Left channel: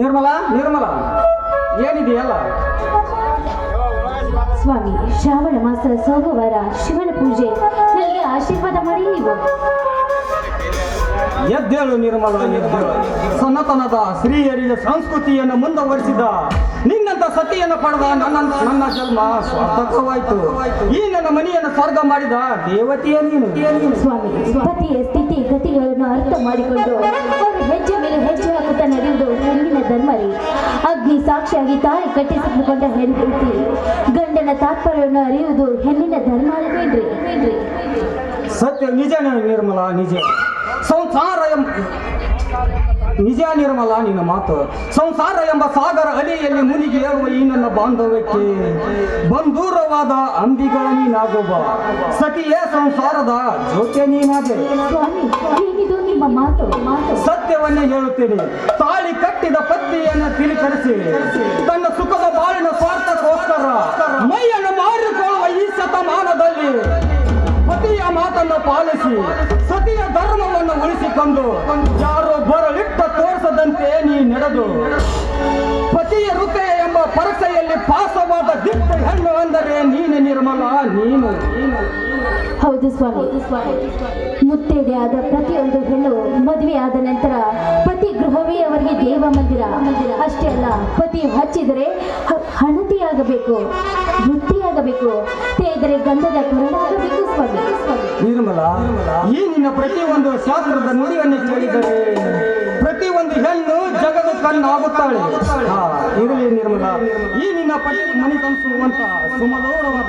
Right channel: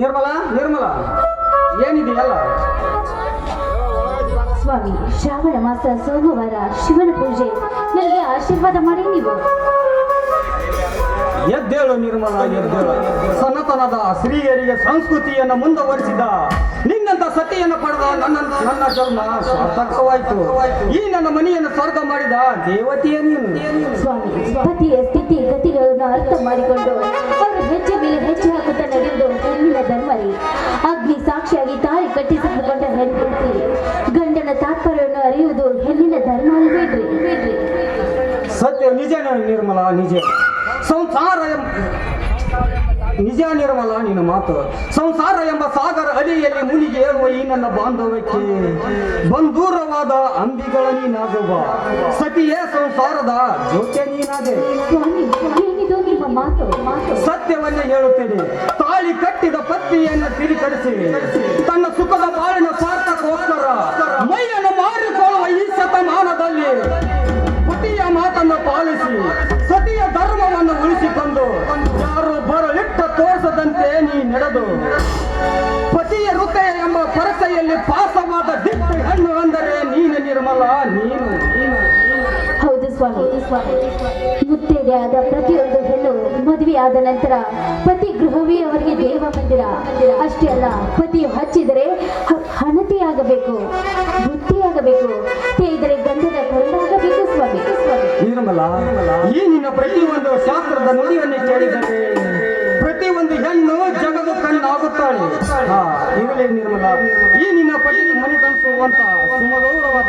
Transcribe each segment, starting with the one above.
ನಿರ್ಮಲ ನಿರ್ಮಲ. ಏನಿದೆಯಲ್ಲ? ಸ್ವಾಮಿ ಶ್ರಾವಣ ಮಾಸ ಸೋಮವಾರ ಶಿವನ ಪೂಜೆ. ನನಗೆ ಆಶೀರ್ವಾದ ಮಾಡಿ ನೀವು. ಎದ್ದೇಳು ನಿರ್ಮಲ ಎದ್ದೇಳು. ಸನಾತನದ ಸ್ತ್ರೀಯರಿಗೆ ಸಂಸ್ಕೃತಿಯನ್ನು ಮುಂದುವರಿಸಿದ. ನಿನ್ನಂತ ಸತಿಯನ್ನು ಪಡೆದ ನನ್ನ ನನ್ನ ಜನ್ಮ ಸಾರ್ಥಕವಾಯಿತು. ಈ ನನ್ನ ಮನೆಯನ್ನು ಸ್ವರ್ಗ ಮಾಡಿದ ದೇವತೆಯ ನೀನು. ಸ್ವಾಮಿ ಪತಿಯ ಸ್ಥಿತಿ ಗತಿಗಳನ್ನು ಅರ್ಥ ಮಾಡಿಕೊಂಡು ಹೆಜ್ಜೆ ಹೆಜ್ಜೆ ಹಾಕುತ್ತಾ ನಡೆಯುವುದು ಹೆಣ್ಣಿನ ಧರ್ಮರಿ ಅಗ್ನಿ ಸಾಕ್ಷಿಯಾಗಿ ತಾಯಿ ಕಟ್ಟಿಸಿಕೊಂಡ ಹೆಣ್ತಿ ಗಂಡನ ತಾತ್ಪರ್ಯವನ್ನು ಅರಿಯುವುದು ಹೆಣ್ಣಿನ ಧರ್ಮ ಅಲ್ಬೇಡ್ರಿ ಬೇಡ್ರಿ. ಸತ್ಯ, ನಿಜ ನಿರ್ಮಲ, ನಿಜ. ಸಂಸಾರ ನಿಜ ನಿರ್ಮಲ ನಿನ್ನ ಮಾತು? ಸಂಸಾರ ಎಂಬ ಸಾಗರ ಅಲಿಯಲ್ಲಿ ಮುನಿಗೆ ಏರುವ ಈ ನನ್ನ ಬಾಂಧವ್ಯಕ್ಕೆ ಬಂದೂರವಾದ ಅಂಬಿಗಳ ನೀನಾಗುವ. ಸತಿಯೇ ಸಂಸಾರದ ಜೊತೆ ನೀನಾದೆ. ಮಾತು? ಸತ್ಯವನ್ನೇ ಹೇಳುತ್ತೇನೆ. ತಾಳಿ ಕಟ್ಟಿದ ಪತ್ನಿಯನ್ನು ತಿರುಕರಿಸಿ ತನ್ನ ಸುಖದ ಬಾಳಿನ ಸ್ವಾರ್ಥಕ್ಕೋಸ್ಕರ ನಿರ್ಮಲ ನೀನು ಹೌದು ಸ್ವಾಮಿ. ಸ್ವಾಮಿ. ಮುತ್ತೈದೆ ಆದ ಪ್ರತಿಯೊಂದು ಹೆಣ್ಣು ಮದುವೆ ಆದ ನಂತರ ಪತಿ ಗೃಹವೇ ಅವರಿಗೆ ದೇವ ಮಂದಿರ. ಅಷ್ಟೇ ಅಲ್ಲ ಪತಿ ಹಚ್ಚಿದರೆ ಹಣತಿಯಾಗಬೇಕು ವೃತ್ತಿಯಾಗಬೇಕು ತೇದರೆ ಗಂಧದ ಕೊರಡಾಗಬೇಕು ಸ್ವಾಮಿ. ಸ್ವಾಮಿ ನಿರ್ಮಲ. ಈ ನಿನ್ನ ಪ್ರತಿಯೊಂದು ಶಾಸ್ತ್ರದ ನುಡಿಯನ್ನು ಕೇಳಿದರೆ ಪ್ರತಿಯೊಂದು ಹೆಣ್ಣು ಜಗದ ಕಣ್ಣಾಗುತ್ತಾಳೆ. ಆಗುತ್ತಾಳೆ ಇರಲಿ ನಿರ್ಮಲ. ಈ ನಿನ್ನ ಪತಿ ಮನೆ ತಂಸುವಂತಹ ಸುಮಧುರವಾದ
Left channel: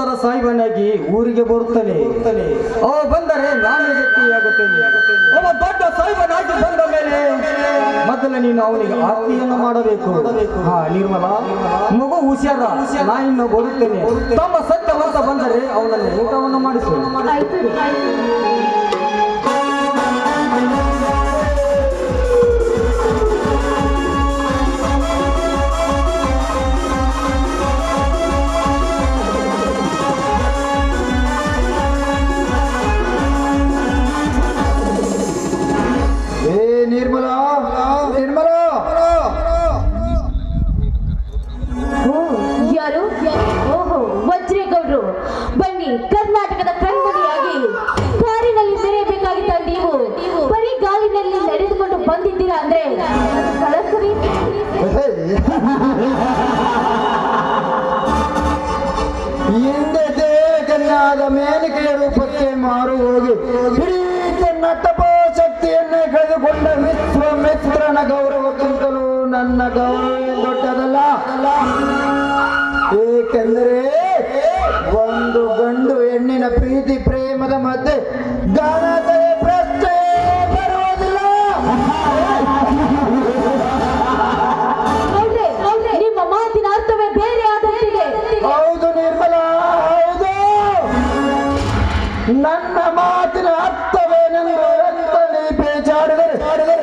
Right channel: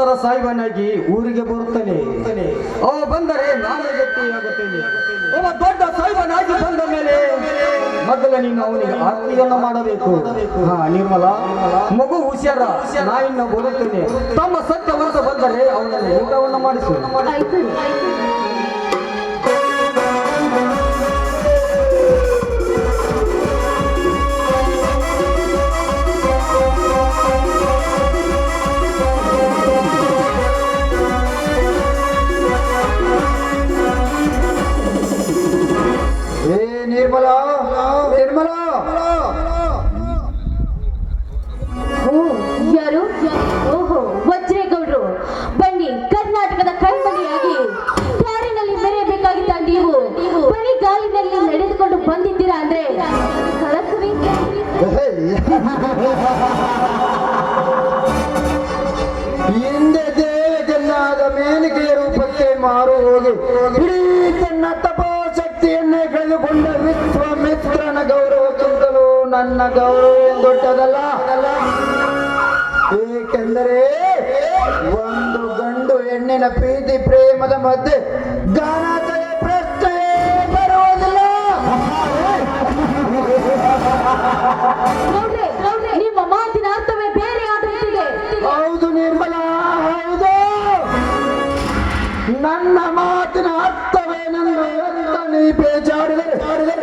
ಸಹೋದರ ಸಾಯಿಬನಾಗಿ ಊರಿಗೆ ಬರುತ್ತಾನೆ ಅವ ಬಂದರೆ ನಾನು ಗಟ್ಟಿಯಾಗುತ್ತೇನೆ ಒಬ್ಬ ದೊಡ್ಡ ಸಾಯಿಬನಾಗಿ ಬಂದ ಮೇಲೆ ಮೊದಲ ನೀನು ಅವನಿಗೆ ಆರತಿಯನ್ನು ಮಾಡಬೇಕು. ಹಾ ನಿರ್ಮಲ ಮಗು ಹುಷಾರ ನಾಯಿನ ಇನ್ನು ಬರುತ್ತೇನೆ. ತಮ್ಮ ಸತ್ಯವಂತ ಬಂದರೆ ಅವನನ್ನು ಊಟವನ್ನು ಮಾಡಿಸು. ನನ್ನ ಮಾತಿನ ಅರ್ಥವೇನೆಂದು ಎಂತನೇ ಪೇಚಾಡಿದರೆ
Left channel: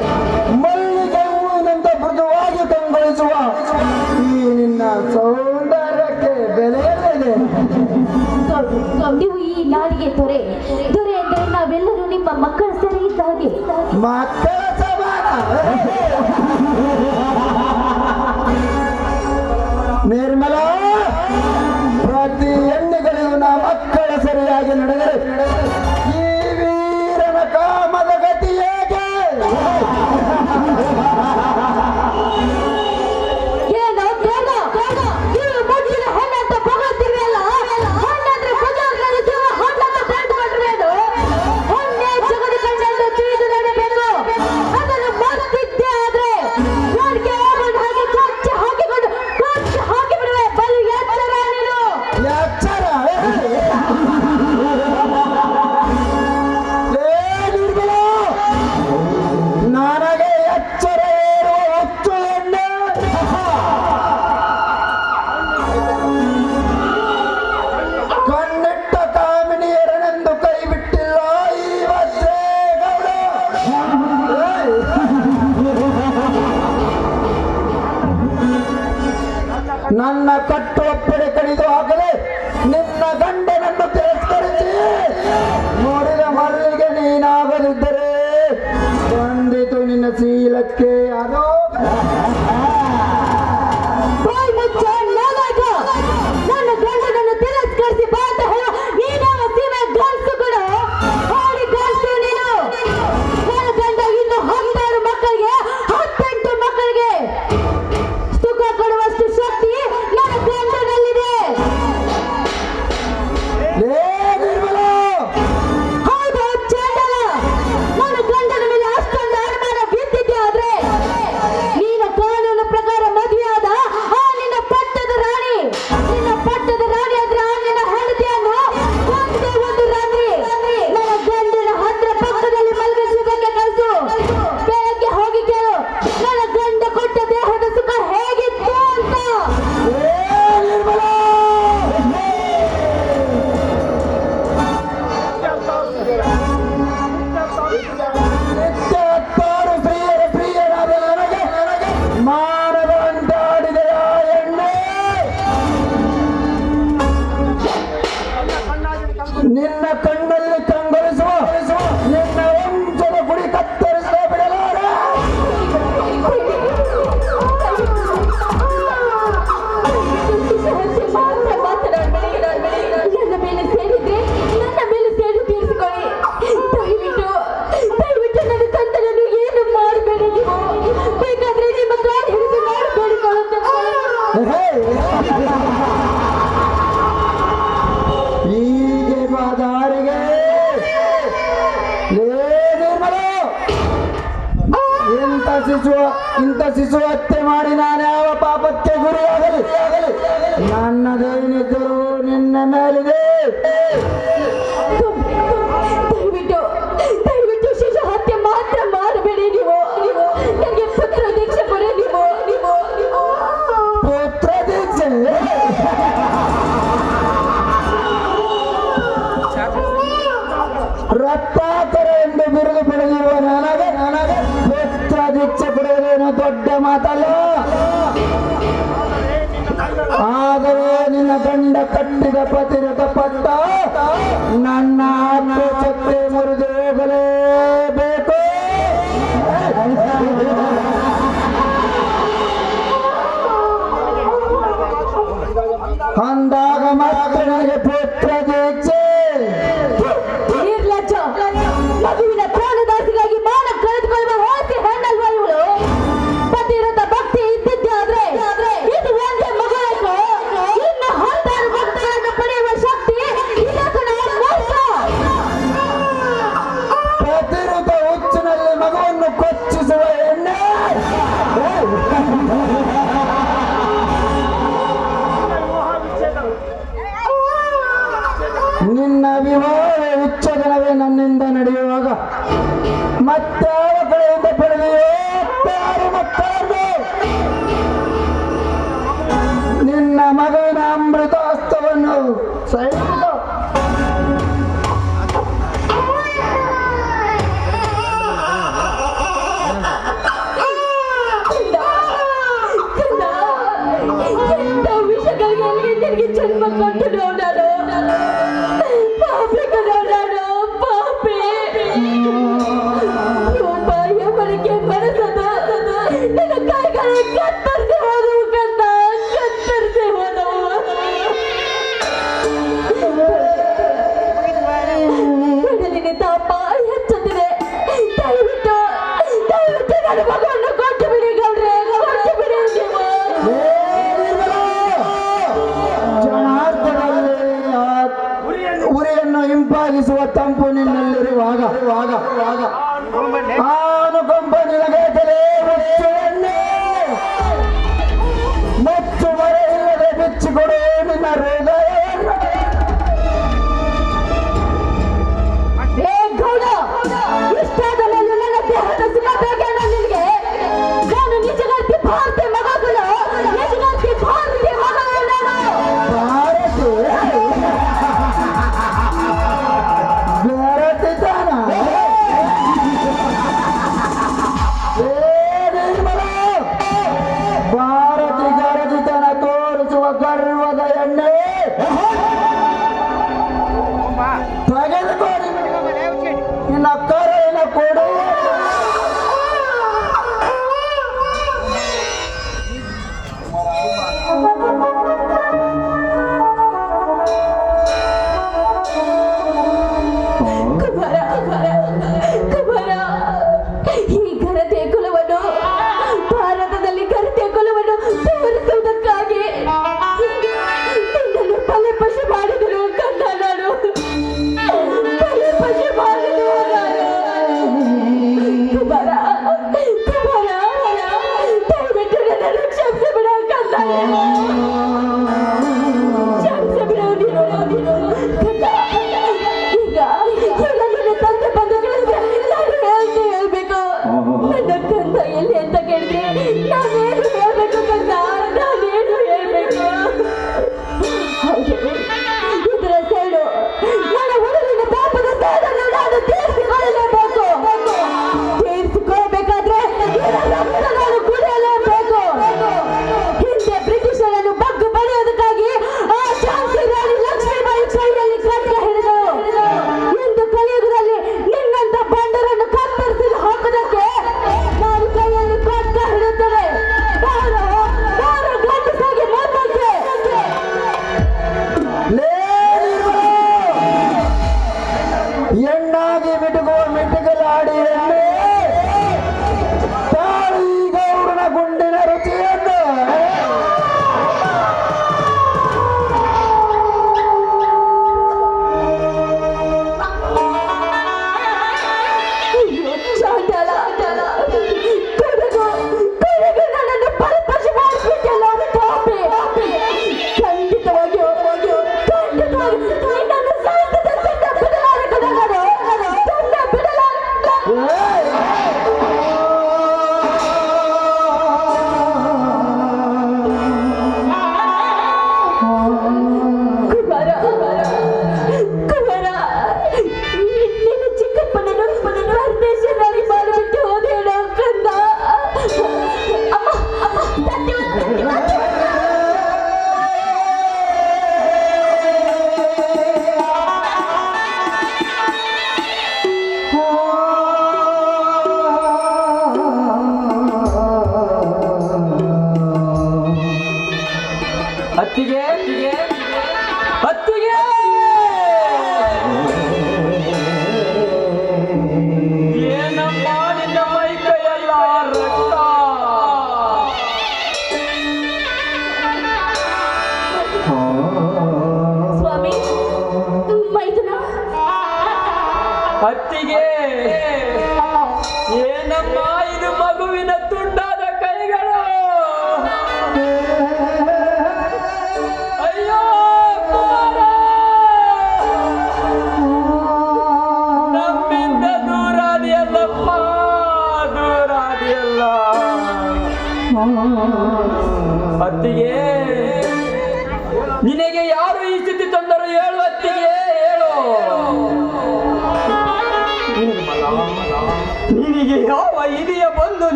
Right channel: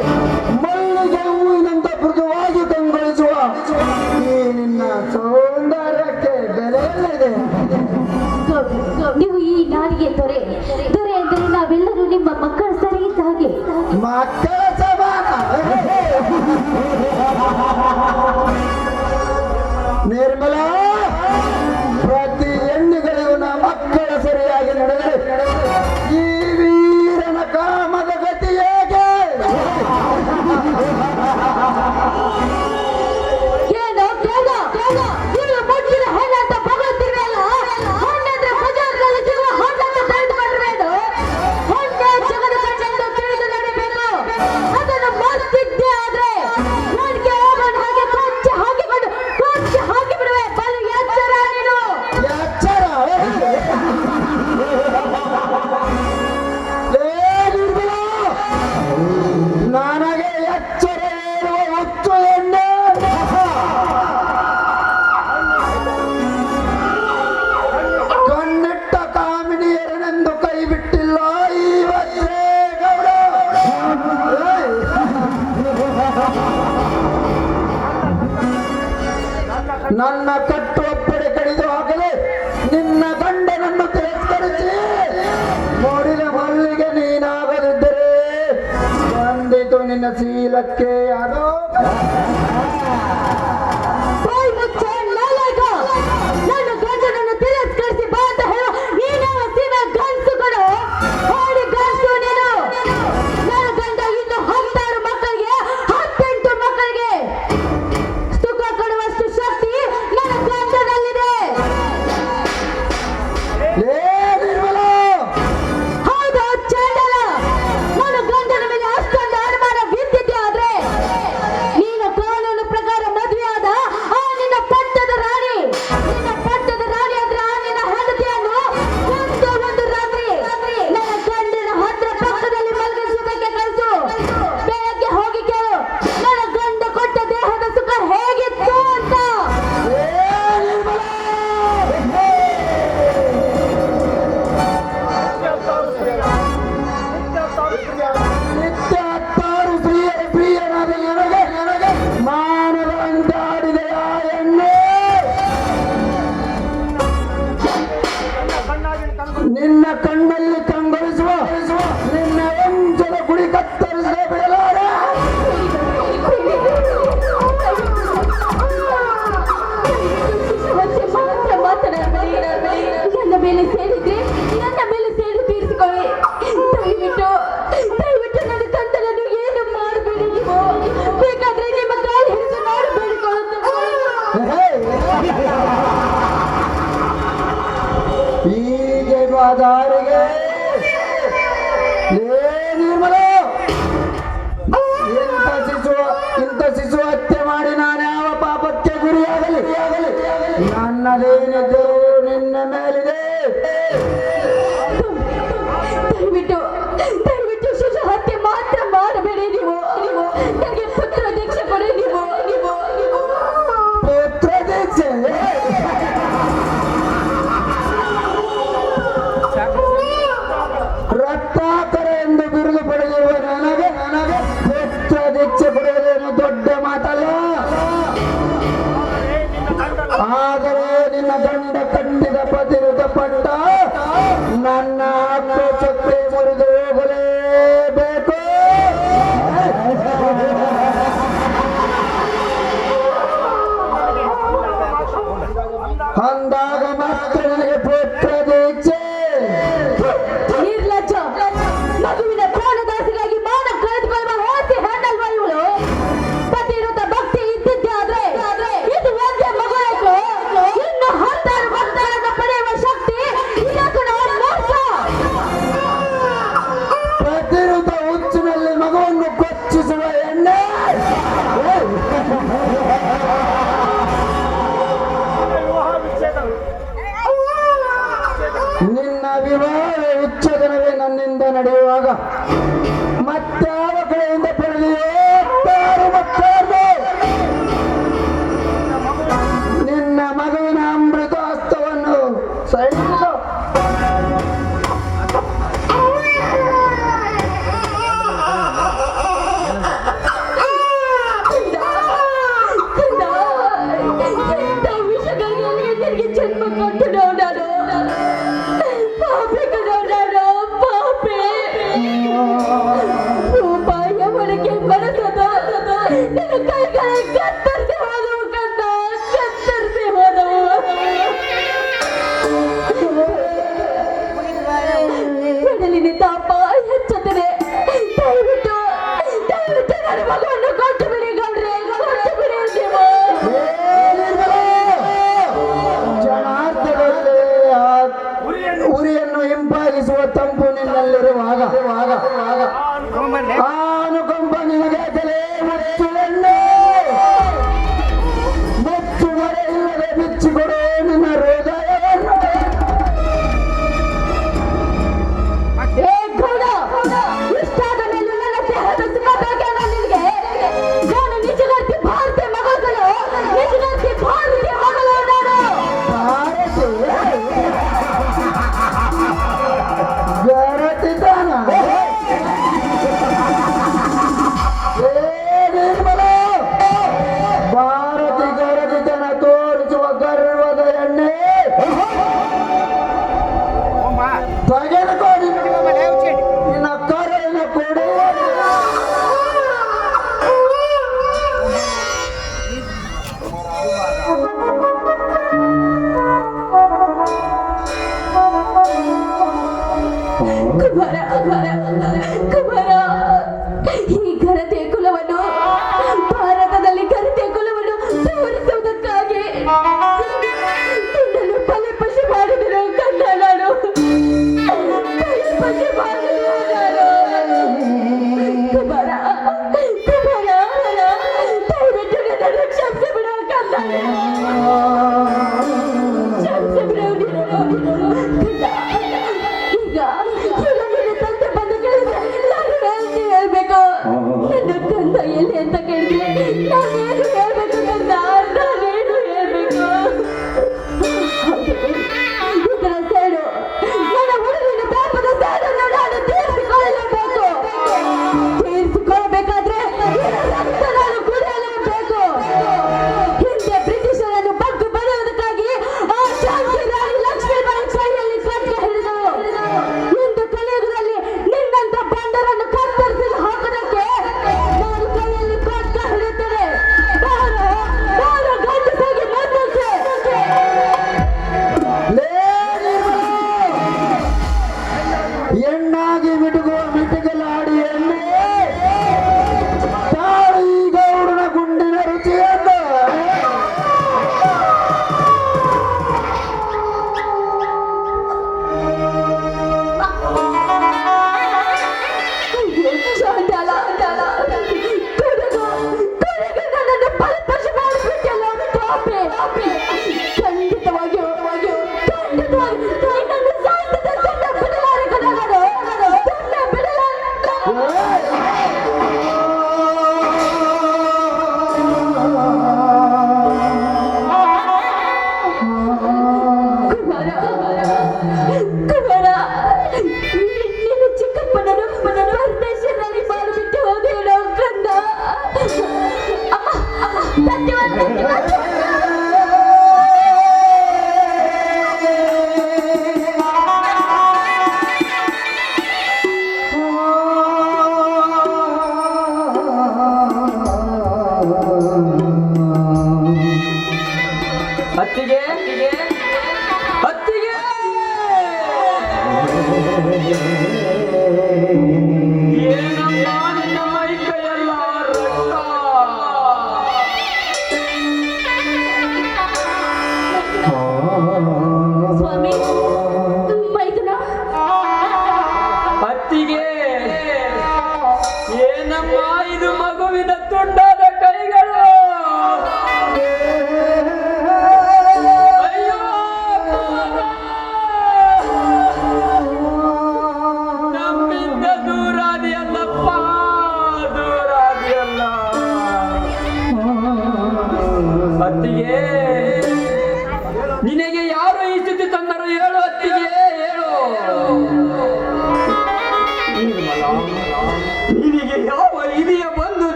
ಮಲ್ಲಿಗೆ ಹೂವಿನಿಂದ ಮೃದುವಾಗಿ ಕಂಗೊಳಿಸುವ. ಈ ನಿನ್ನ ಸೌಂದರ್ಯಕ್ಕೆ ಬೆಲೆಯಲ್ಲಿದೆ ನೀವು ಈ ನಾಡಿಗೆ ದೊರೆ ದೊರೆ ಎಂದರೆ ನಾವೆಲ್ಲರೂ ನಿಮ್ಮ ಮಕ್ಕಳ ಸರಿ ಇದ್ದ ಹಾಗೆ. ಮಕ್ಕಳ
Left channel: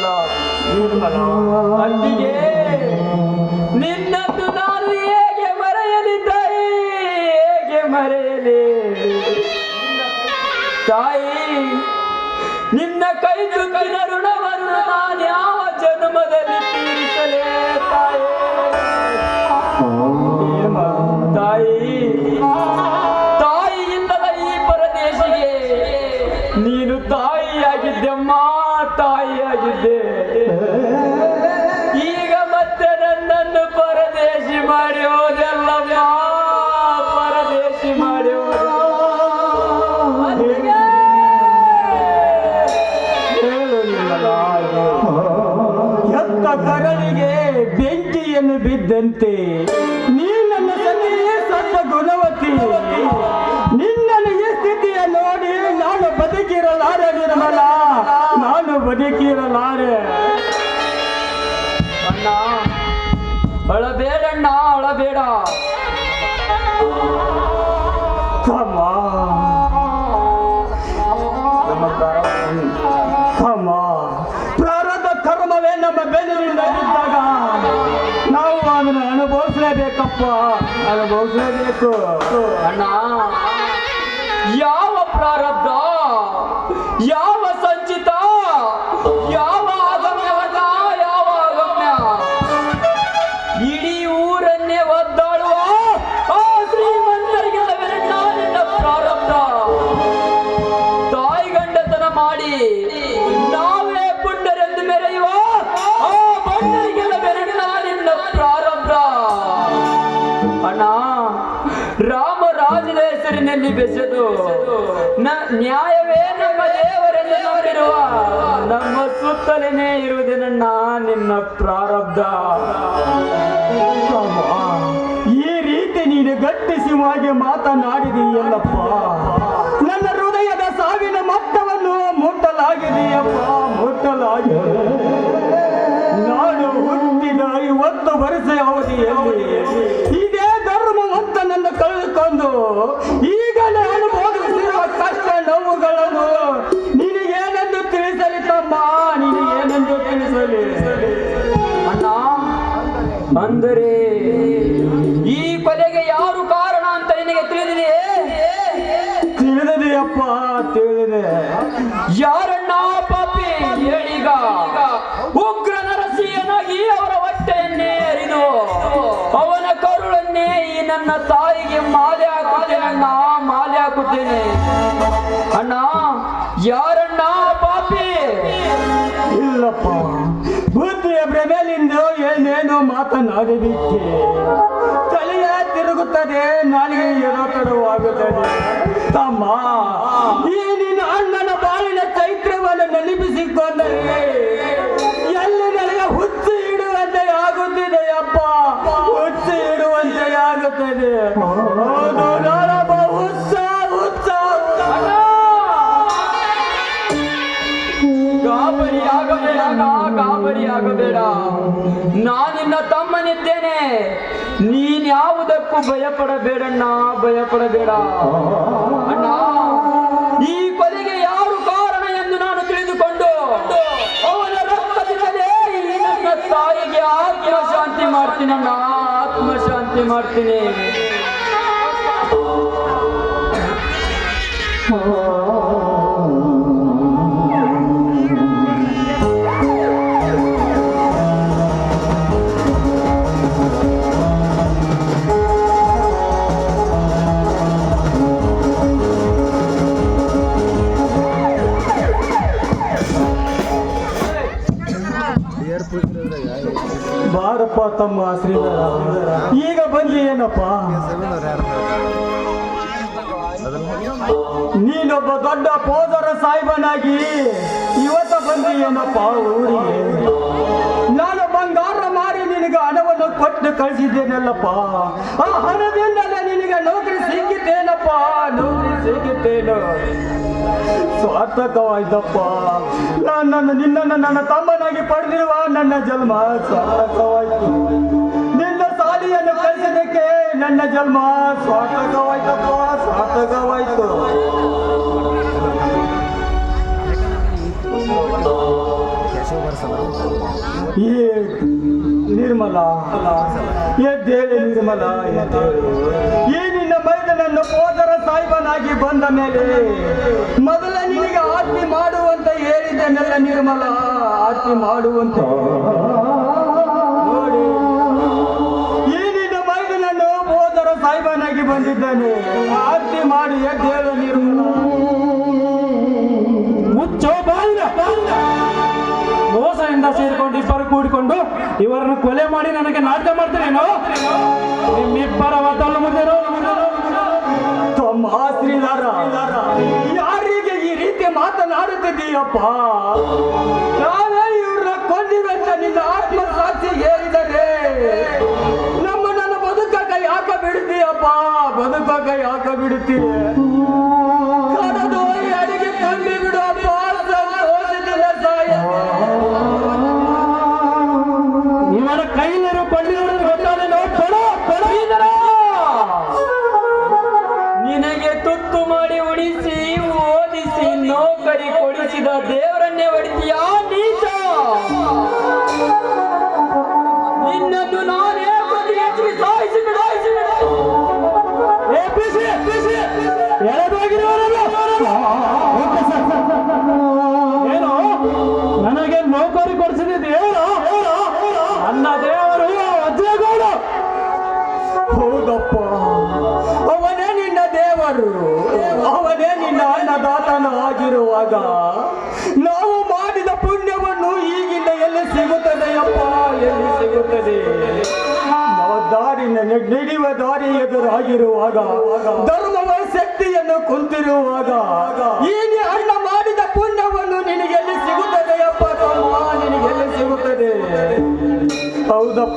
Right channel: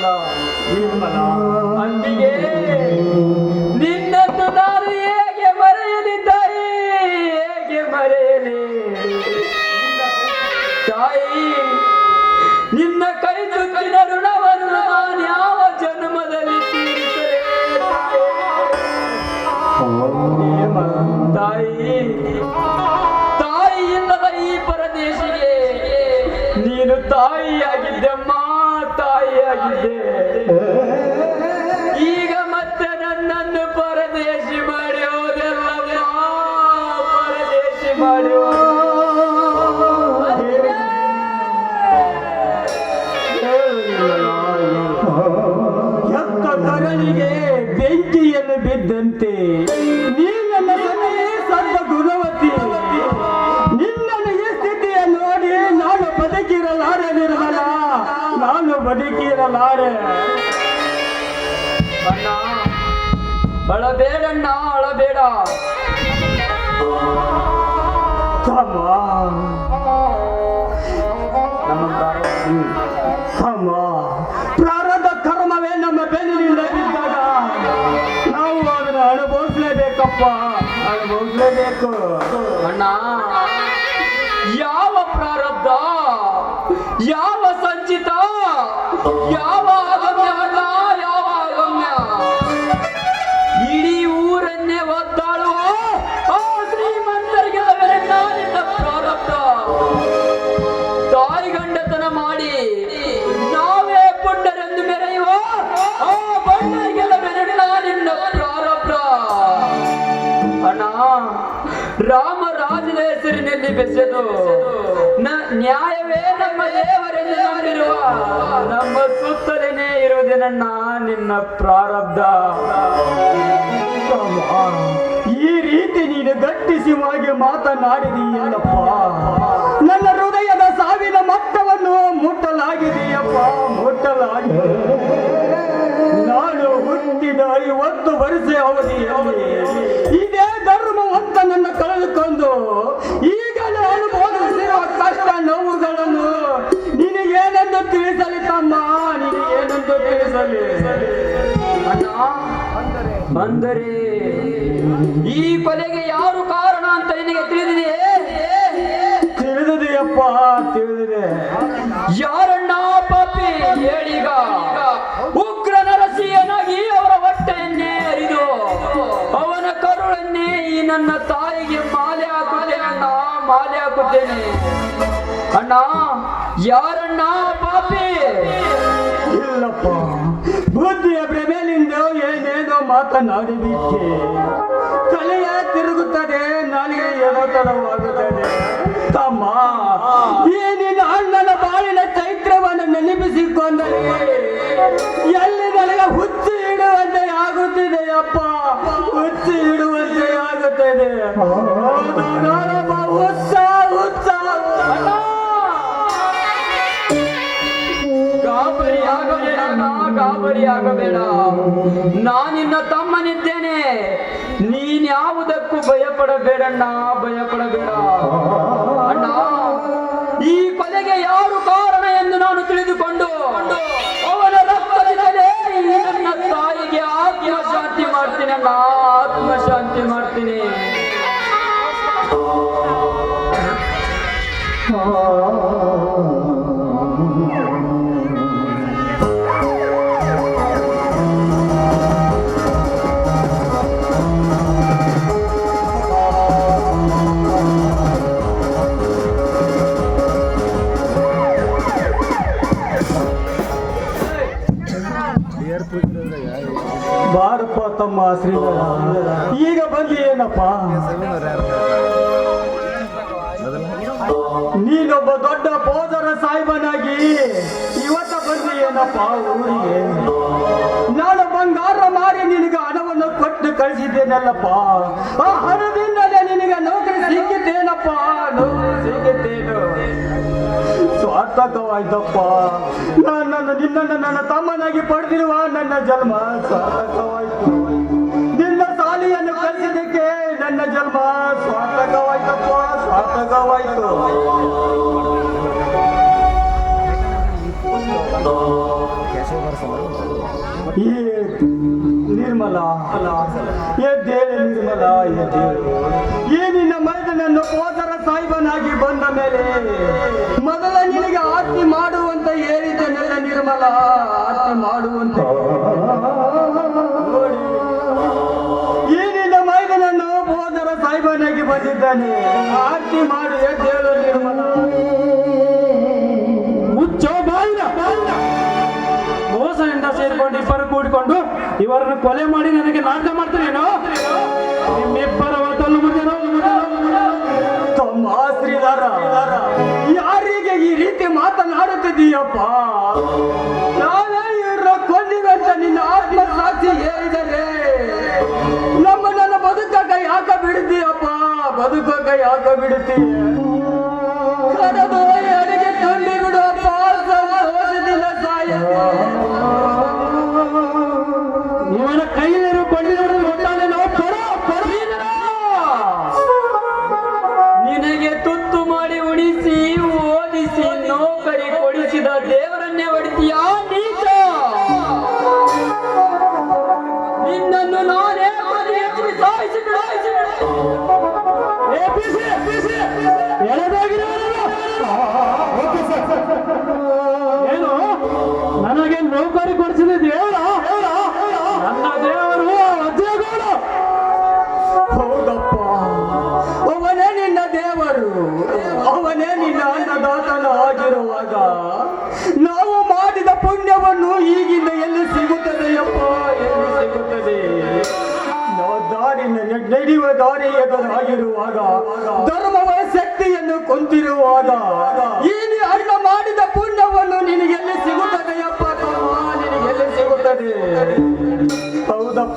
ಎತ್ತಿದ್ದಲ್ಲ ನಿರ್ಮಲ ಬೆಂಕಿಯನ್ನು ಬಿದ್ದಂತೆ ನೀ ಇರುವುದೇನಣ್ಣ ನಿನ್ನ ಪ್ರಾರಬ್ಧ. ಈ ರೀತಿ ನೀನು ಗಟ್ಟಿಸಿವಾಗಿ ಮಾತನಾಡಿದೀಯಲ್ಲಪ್ಪ. ನನ್ನ ಹೃದಯದ ಸಾವಿನ ಮಟ್ಟವನ್ನು ಮುಟ್ಟಲಾಗಿದೆಯಪ್ಪ, ಮುಟ್ಟಲಾಗಿದೆ. ನಾನು ಹುಟ್ಟಿದ ಐವತ್ತು ವರ್ಷ ಅವಧಿ ಇದೇ ಅಂದರೆ ಈ ಕೊಲೆಗೆ ಯಾರು ಕಾರಣ ಅಂತ ನಿನಗೆ ತಿಳಿದಿದೆ ತಿಳಿದಿದೆಯಪ್ಪ ತಿಳಿದಿದೆ. ಯಾರಣ್ಣ ಪಾಪಿ? ಹೇಳಿಗ ಉಗ್ರ ನರಸಿಯನಾಗಿ ಅವರ ಹೊಟ್ಟೆಯನ್ನೇ ಅರಿದು ಅವನ ಕರುಳನ್ನೇ ಈ ನನ್ನ ತಾಯಿಗೆ ಮಾಲೆ ಹಾಕುತ್ತೆ ಅಣ್ಣ ಮಾಲೆ ಹಾಕುತ್ತೇನೆ. ಅಣ್ಣ ಯಾರಣ್ಣ ಮಾತನಾಡಿಬಿಟ್ಟೆ ತಲೆಯ ತಿರುಗುತ್ತದೆ ನಾಲಿಗೆ ಏನೋ ತಡವಾಗುತ್ತದೆ ಆಗಬೇಡ ಗಾಬರಿ ಆಗಬೇಡ ನಾನಿನ್ನ ತಮ್ಮನಿದ್ದೇನೆ ನೀನ್ಯಾವುದಕ್ಕೂ ಭಯಪಡಬೇಡಣ್ಣ, ಭಯಪಡಬೇಡ. ಅಣ್ಣ, ಈ ಕೊಲೆಗೆ ಯಾರು ಕಾರಣ ಎಂದು ನಾನು ತಿಳಿದುಕೊಂಡು ಅವನ ರಕ್ತದಿಂದಲೇ ನನ್ನ ತಾಯಿಗೆ ಆತ್ಮಶಾಂತಿ ಮಾಡ್ತೀನಣ್ಣ, ಆತ್ಮಶಾಂತಿ ಮಾಡ್ತೀನಿ. ತಮ್ಮ ಶ್ರೀಧರ ಈಗ ಬಂದಿ ಏನಪ್ಪ? ನೀನೊಬ್ಬ ದೊಡ್ಡ ಪೋದರ ಸಾಹಿಬನಾಗಿ ಇವತ್ತ ಬಂದಿ ಏನಪ್ಪ ಊರಿಗೆ? ಕೊಟ್ಟು ಕಳಿಸಿದ್ದೇನಲ್ಲಪ್ಪ. ಆ ಹಣದಿಂದಲೇ ನಿನಗೆ ನೌಕರಿ ಸಿಕ್ಕಿದ್ದೇನಪ್ಪ? ನೌಕರಿ ಸಿಕ್ಕಿದ್ದೇನು. ಸಾರ್ಥಕವಾಯ್ತಪ್ಪ ನನ್ನನ್ನು ನಿನ್ನನ್ನು ನನ್ನ ತಮ್ಮನಾಗಿ ಪಡೆದಿರುವ ನನ್ನ ಜನ್ಮ ಸಾರ್ಥಕವಾಯ್ತು. ನಿನ್ನ ಸಾಲಿಯನ್ನು ಕಲಿಸಿದ್ದಕ್ಕೆ ನನ್ನ ಜನ್ಮ ಸಾರ್ಥಕವಾಯ್ತಪ್ಪ. ಸಾರ್ಥಕವಾಯ್ತು. ಈ ನಿರ್ಮಲ ಅಲ್ಲ ನಿರ್ಮಲ ಎದ್ದೇಳು ನಿನ್ನ ಹೋದರ ಸಾಹಿಬನಾಗಿ ಬಂದ ಮೇಲೆ ಮೊದಲ ನಿನಗೆ ಆರ್ತಿ ಮಾಡುವಂತ ಹೇಳಿದ್ದೇನೆಲ್ಲ ನಿರ್ಮಲ? ಆರ್ತಿ ಮಾಡುವಂತ. ಈ ನಿನ್ನ ಮೈದನನ್ನು ಹೋದರ ಸಾಹಿಬನಾಗಿ ಬಂದಿದ್ದಾನೆ. ಆರ್ತಿ ಮಾಡಿ ಹೇಳು ನಿರ್ಮಲ. ಮುಚ್ಚೋ ಮೋಸದಿಂದ ಸೇರಿಕೊಂಡು ಇಬ್ಬರು ಕೂಡಿಕೊಂಡು ಇವರನ್ನು ಕೊಲೆ ಮಾಡಿ ನನಗೆ ನಾಟಕ ಮಾಡ್ತೀರೇನೋ? ನಿಮ್ಮಿಬ್ಬರ ವಾತಾವರಣ ಮುಂದೆ ಈ ರೀತಿ ಮಾತನಾಡುತ್ತಿದ್ದೀಯಪ್ಪ. ನಾವೇ ಇವ್ರನ್ನ ಕೊಂದಿವಂತ ನಿನ್ನ ಆತ್ಮ ಸಾಕ್ಷಿ ಹೇಳಿದರೆ ನಮ್ಮ ನನ್ನ ಬದುಕಕ್ಕ ಯಾಕ ಬಿಡ್ತೀಯಪ್ಪ? ಬದುಕಕ್ಕ ಯಾಕ ಬಿಡ್ತೀಯ?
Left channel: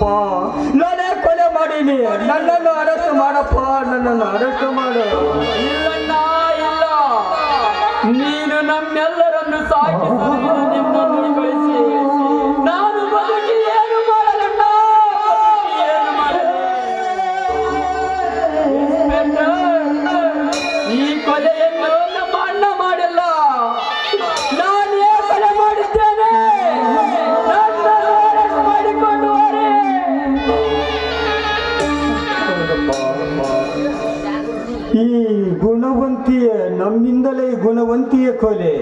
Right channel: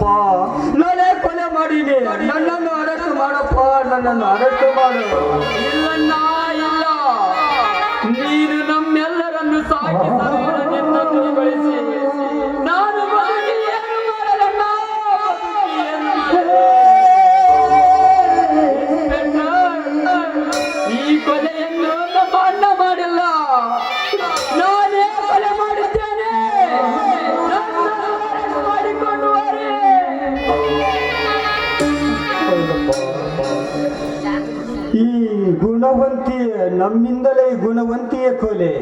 Allah. ಗುಣವಂತಿಯ ಕೊಲೆ.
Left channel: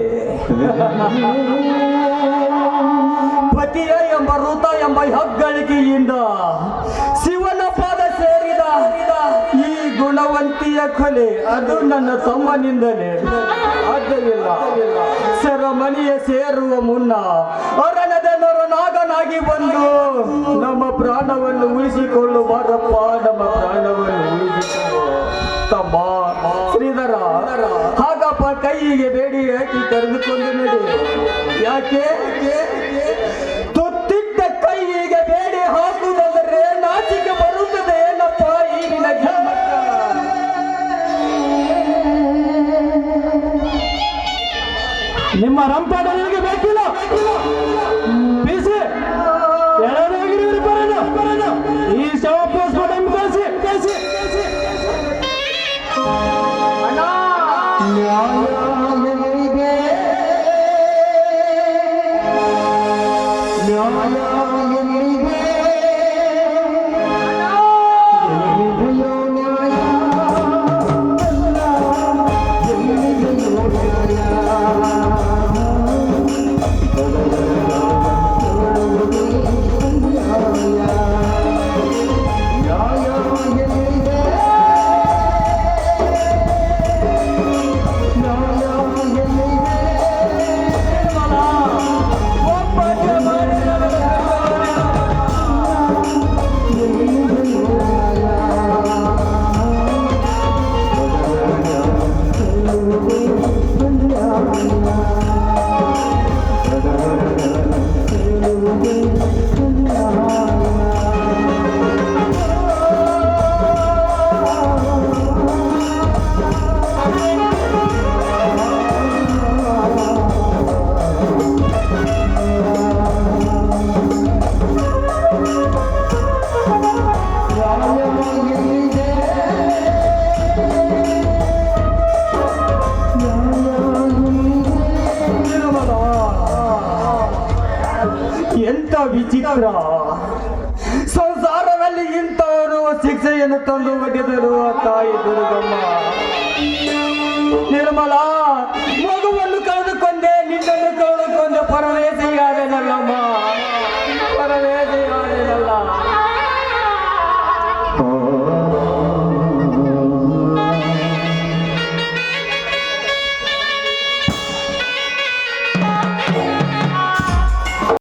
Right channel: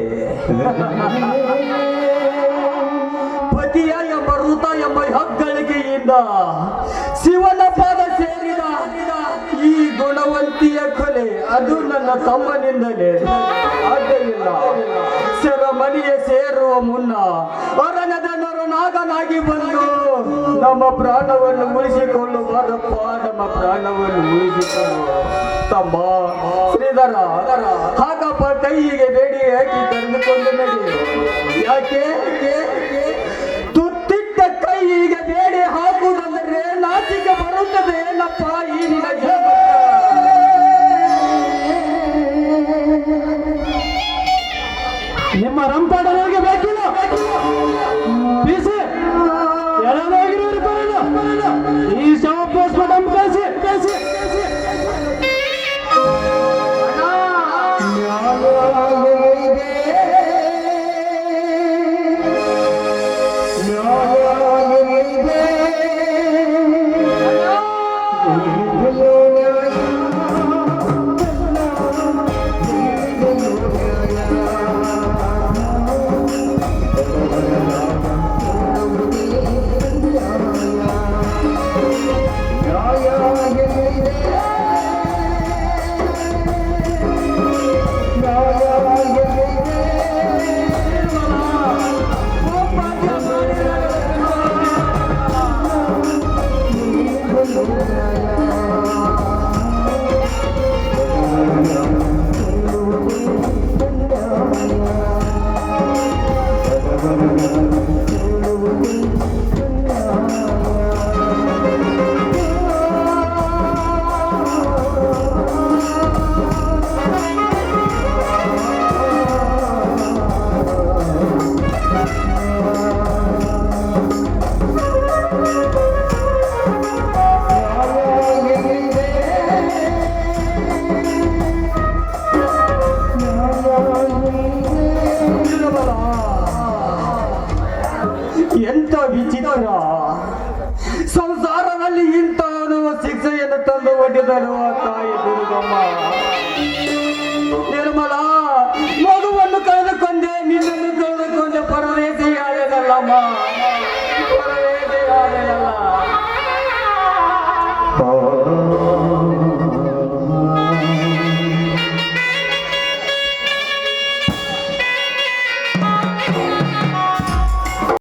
ಪತಿಯ ಎಂಬ ಋತ ಎಂಬ ಹೆಗ್ಗಳಿಕೆಯಿಂದ ಶಿವನ ಪಾದ ಸೇರಿದ ಈ ಗುಣವಂತಿಯ ಕೊಲೆ. ಅದು ನನ್ನ ತಮ್ಮನಿಂದಲೇ. ಆಗಲಿಲ್ಲ ಸೆರೆಮನಿಯ ಸೇರುವ ಮುನ್ನ ಅರಣ್ಯದ ನರನಾಗನಾಗಿ ಬಂದು ನಮ್ಮ ಪ್ರಾಣವನ್ನು ಉಳಿಸಿಕೊಳ್ಳುವಾರಪ್ಪ. ನಮ್ಮ ಪ್ರಾಣವನ್ನು ಉಳಿಸಿಕೊಳ್ಳುವ ತಮ್ಮ ಶ್ರೀಧರ. ಹಾಗಪ್ಪ ಕೈಗೆ ಬೇಡಿ ಹಾಕಿ ಕರೆದುಕೊಂಡು ನಡಿ ಯಾಕೆ?